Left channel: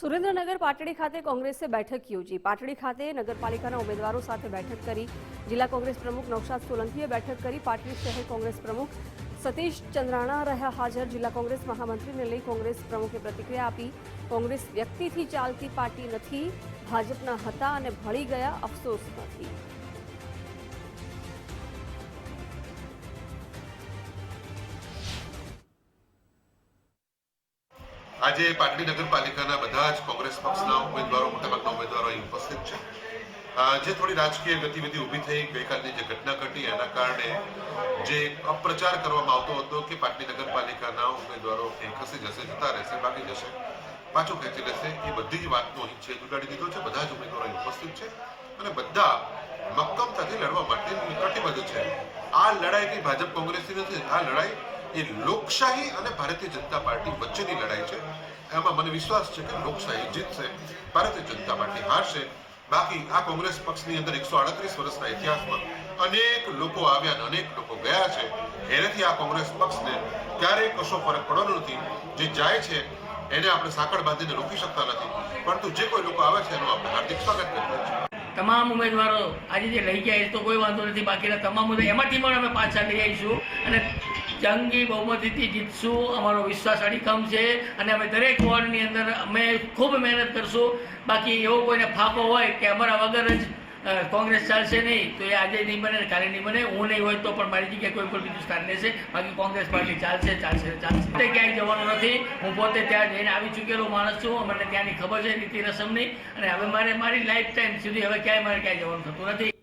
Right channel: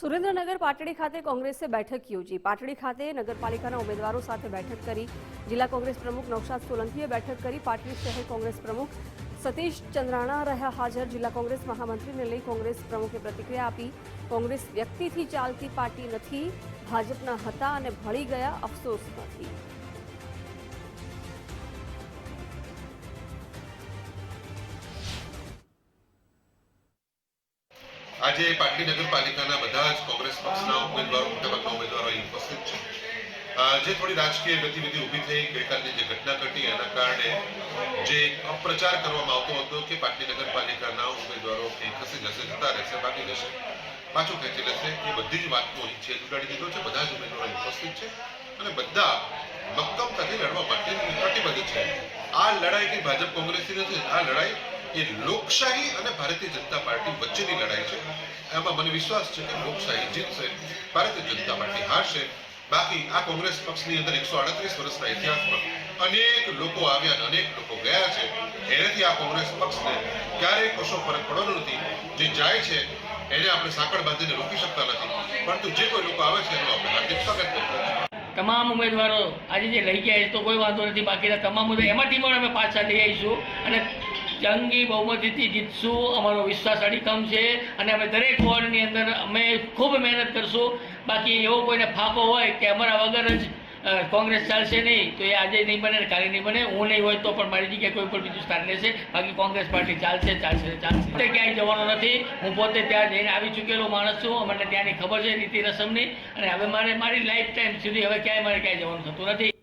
સુરેન્દ્રનગર પાટડી ખાતે કોંગ્રેસે બેઠક યોજી। પાટડી ખાતે નગરપાલિકાના ઉમેદવારો સાથે બેઠક કરી। જિલ્લા કોંગ્રેસ પ્રમુખ નૌશાદ સોલંકીએ બેઠક કરી। પાટડી શહેર કોંગ્રેસ પ્રમુખ સતીશ ચંદ્રાણા રહ્યા હાજર। જિલ્લા કોંગ્રેસ મહામંત્રીને લઈ કોંગ્રેસ પ્રમુખે પ્રતિક્રિયા આપી। કોંગ્રેસ વ્યક્તિથી ચાલતી પાર્ટી નથી, ભાજપના હતા અને ભળી ગયા, અફસોસ નથી। આજે પાટડી નગરપાલિકાના બધા જ કોંગ્રેસ પક્ષના ઉમેદવારો, મોટાભાગના ઉમેદવારો અહીં ઉપસ્થિત છે। જે થોડી રાજકીય ગતિવિધિ ઊભી થઈ, ગઈકાલની જે ઘટના ઘટી એના કારણે જે અપપ્રચાર કરવામાં આવતો હતો કે પાટડી નગરપાલિકાના ઉમેદવારો એ ખસી જશે, જતા રહેશે, ભાગી જશે, પાછું ખેંચી લેશે, એ બધી જ વાતનો અહીં છેદ ઉડાડી દીધો છે। બધા જ ઉમેદવારો અહીં ઉપસ્થિત છે અને બધા મક્કમતાથી લડવા માટે પ્રતિબદ્ધ છે। આ લડાઈ કઈ ભાજપ કોંગ્રેસની નથી, આ લડાઈ એ લોકશાહી અને ભારતીય જનતા પાર્ટી વચ્ચેની લડાઈ છે। એમાં મને વિશ્વાસ છે કે લોકશાહી જીતશે, ભારતીય જનતા પાર્ટી હારશે। બાકી આ કોંગ્રેસ પક્ષની અંદર 138 વર્ષના ઇતિહાસમાં અનેક લોકો આવ્યા અને અનેક લોકો ગયા છે। એનાથી આ કોંગ્રેસ પક્ષને ક્યારેય કશો ફરક પડવાનો નથી। જે જાય છે એને આપણે સાંકળ બાંધીને રોકી શકતા નથી, પરંતુ જે કોઈ લોકો આવે છે એનું આપણે હાર્દિક સ્વાગત કરીએ છીએ। તમામ ઉમેદવારો આજે જે લઈ ગયા એ તો કોઈ વાંધો નથી, બાકીના તમામ ઉમેદવાર એમાંથી પણ અમે પાછા લઈ આવીશું અને જંગી બહુમતીથી જીતશું। અમારો વિશ્વાસ અડીખમ છે અને અમે દરેક વોર્ડની અંદર અમે ખૂબ મહેનત કરશું। બાકી એવો કોઈને ફાંફો હોય કે અમારા વગર જ કોંગ્રેસ ચાલશે નહીં, તો એ આજે નહીં બને, કાલે નહીં બને। હું નહીં હોય તો પણ મારી જગ્યાએ કોઈ પણ બીજું સ્થાન લેશે। બાકી કોંગ્રેસ પાર્ટી ચાલશે, ચાલશે, ચાલશે। ક્યાંય જવાનો નથી। હું પોતે ત્યાં જઈને આવી ચૂકેલો માણસ છું, મને ત્યાંની ખબર છે રીતિ રસમની, અને હવે મારી લાઈફ ટાઈમ સુધી હવે ક્યાંય જવાનું થતું નથી।